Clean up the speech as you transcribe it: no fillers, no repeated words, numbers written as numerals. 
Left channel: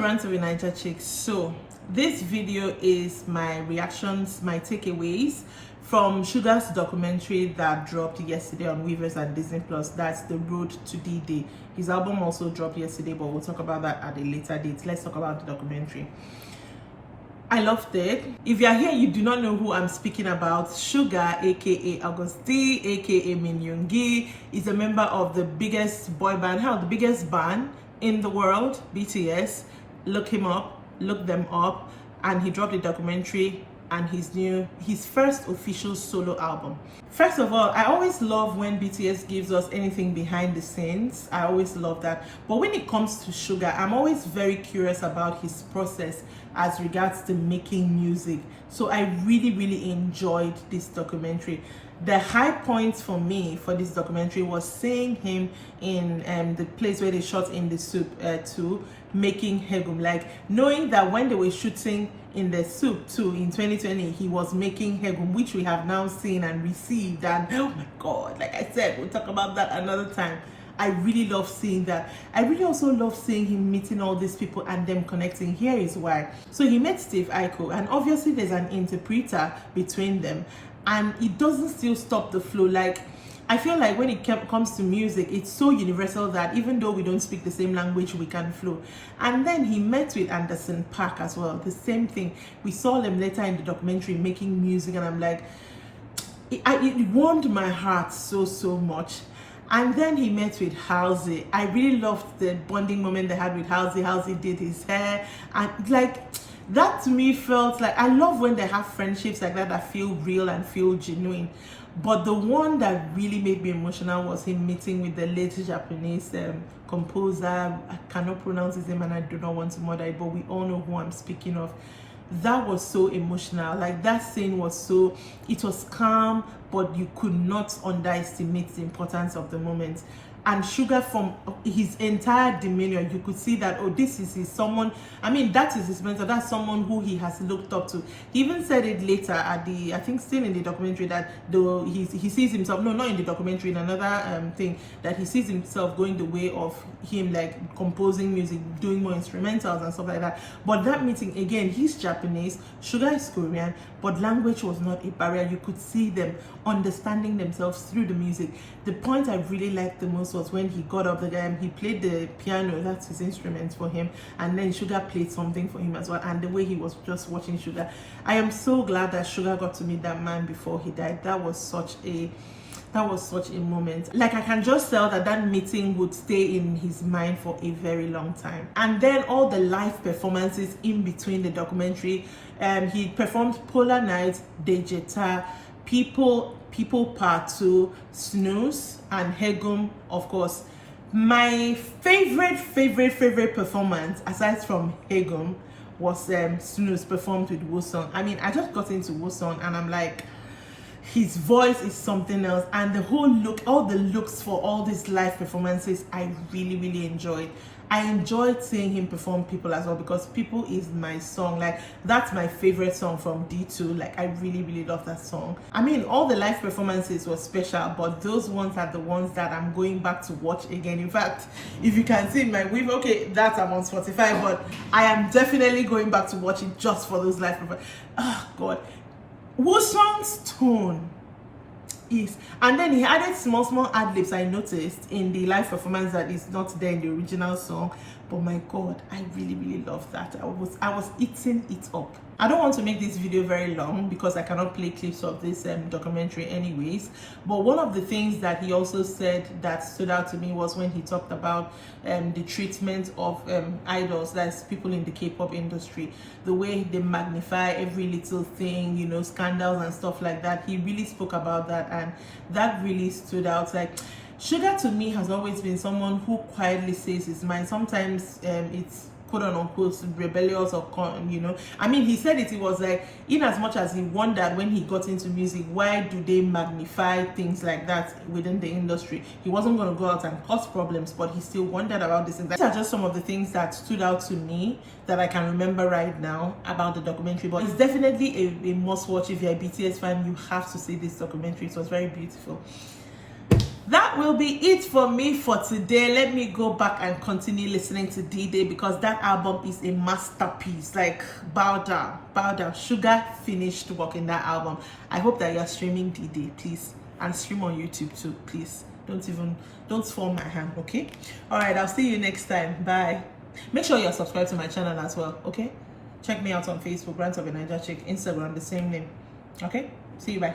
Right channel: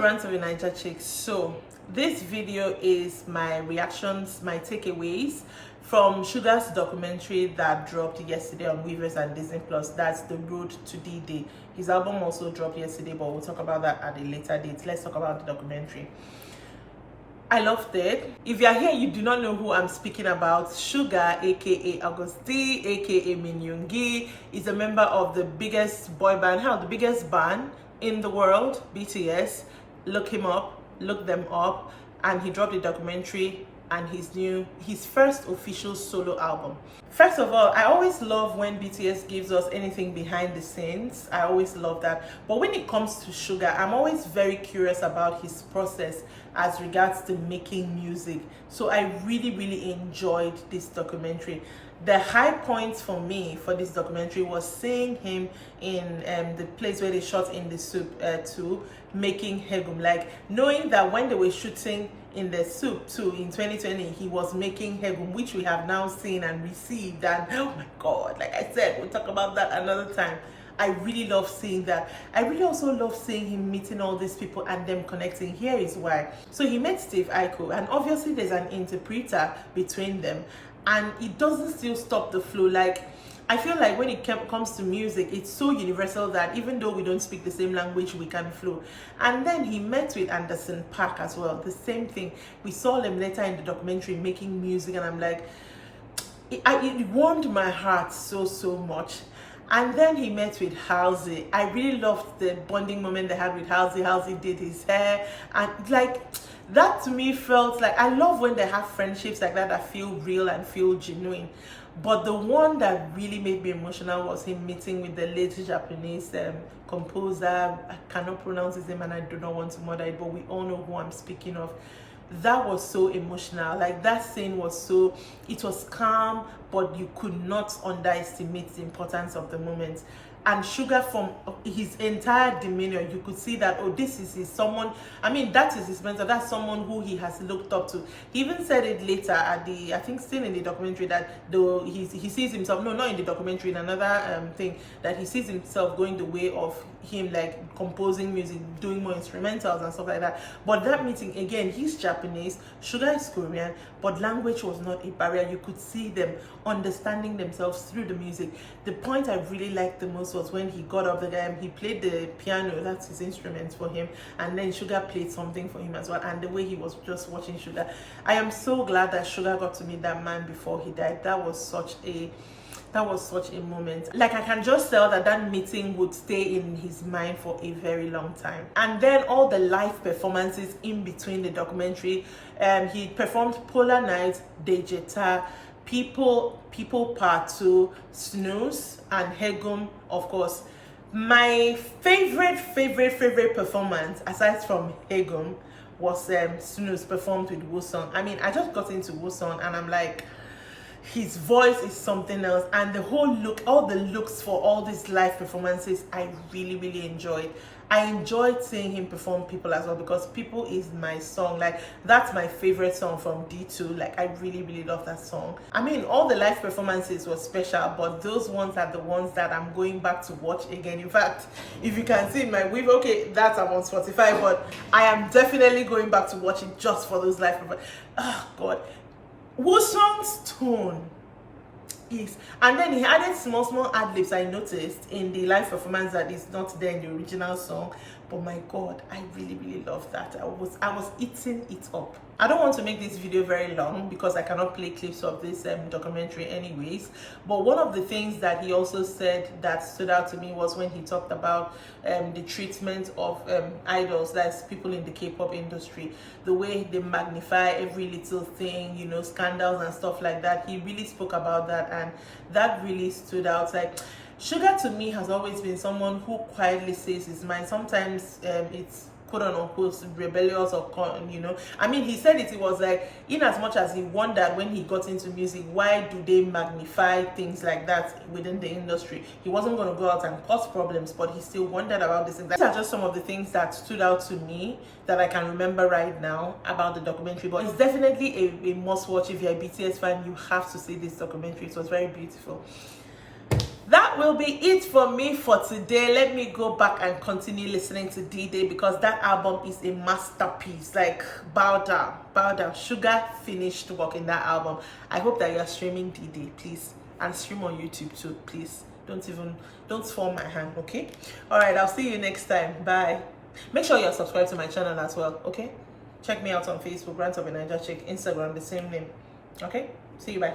to Rants of Naija, Chic. So this video is my reactions, my takeaways from SUGA's documentary that dropped yesterday on Weavers and Disney Plus. That's The Road to D-Day. His album also dropped yesterday, but we'll talk about that at a later date. Let's talk about the documentary. I loved it. If you're here, you do not know who I'm speaking about. SUGA, aka Augusti, aka Min Yoongi, is a member of the biggest boy band, the biggest band in the world, BTS. Look him up, look them up, and he dropped a documentary and his first official solo album. First of all, I always love when BTS gives us anything behind the scenes. I always love that. But when it comes to SUGA, I'm always very curious about his process as regards to making music. So I really enjoyed this documentary. The high point for me for this documentary was seeing him in the place where they shot in the soup too, making Hegum. Like knowing that when they were shooting in the soup too in 2020, he was making Hegum, which we have now seen and received. And oh my God, like I said, we'll talk about that another time. I really love seeing that. I really also love seeing him meeting all these people and them connecting. Here is why. So he met Steve Aiko, and obviously there's an interpreter between them, and it doesn't still stop the flow. Like I feel like when it comes to music, it's so universal that even though we don't speak the same language, we can flow. And then he met with Anderson .Paak as well. The same thing. We saw them later in the documentary making music, and I'm like, it warmed my heart so much. And then he met with Halsey. I really loved the bonding moment they had with Halsey. Halsey did his hair, and like that to me felt like, I love when they have friendships like that feel real and feel genuine. But the one that really made me emotional was him meeting with the late Japanese composer. I cannot pronounce his name and I do not want to murder it, but we all know who I'm speaking of. That was so emotional. Like that scene was so, it was calm, but you could not underestimate the importance of the moment. And SUGA, from his entire demeanor, you could see that, oh, this is someone, I mean, that is his mentor, that's someone who he has looked up to. He even said it later at the, I think still in the documentary, that though he sees himself, no, not in the documentary, in another thing, that he sees himself going the way of him, like composing music, doing more instrumentals and stuff like that. But that meeting, again, he's Japanese, SUGA is Korean, but language was not a barrier. You could see them understanding themselves through the music. The point I really liked the most was when he got up, he played the piano, that's his instrument for him, and then SUGA played something for him as well, and the way he was just watching SUGA. I am so glad that SUGA got to meet that man before he died. That was such a moment. Like I can just tell that meeting would stay in his mind for a very long time. And then all the live performances in between the documentary, he performed Polar Night, Dejeta, People Part 2, Snooze, and Hegum, of course. My favorite performance, aside from Hegum, was Snooze performed with Woo-sung. I mean, I just got into Woo-sung and I'm like, his voice is something else, and the whole look, all the looks for all these live performances, I really enjoyed. I enjoyed seeing him perform People as well, because People is my song. Like that's my favorite song from D2. Like I really love that song. I mean, all the live performances were special, but those ones are the ones that I'm going back to watch again. In fact, if you can see my Weave, okay, that I'm on Spotify, but I am definitely going back to watch it just for those live performances. Oh God. Woo-sung's tone is, and then he added small ad-libs I noticed in the live performance that is not there in the original song. But my God, I really love that. I was eating it up. I don't want to make this video very long because I cannot play clips of this documentary anyways. But one of the things that he also said that stood out to me was when he talked about the treatment of idols, that's people in the K-pop industry, the way they magnify every little thing, you know, scandals and stuff like that. He really spoke about that, and that really stood out. Like SUGA to me has always been someone who quietly says his mind. Sometimes it's quote unquote rebellious, or you know, I mean, he said it was like, in as much as he wondered when he got into music, why do they magnify things like that within the industry? He wasn't going to go out and cause problems, but he still wondered about this. These are just some of the things that stood out to me that I can remember right now about the documentary. But it's definitely a must watch. If you're a BTS fan, you have to see this documentary. It was very beautiful. that will be it for me for today. Let me go back and continue listening to D-Day because that album is a masterpiece. Like, bow down. SUGA finished work in that album. I hope that you are streaming D-Day, please, and stream on YouTube too, please. Don't fall my hand, okay? All right, I'll see you next time. Bye. Make sure you're subscribed to my channel as well, okay? Check me out on Facebook, Rants of Naija, Chic, Instagram, the same name. Okay? See you, bye.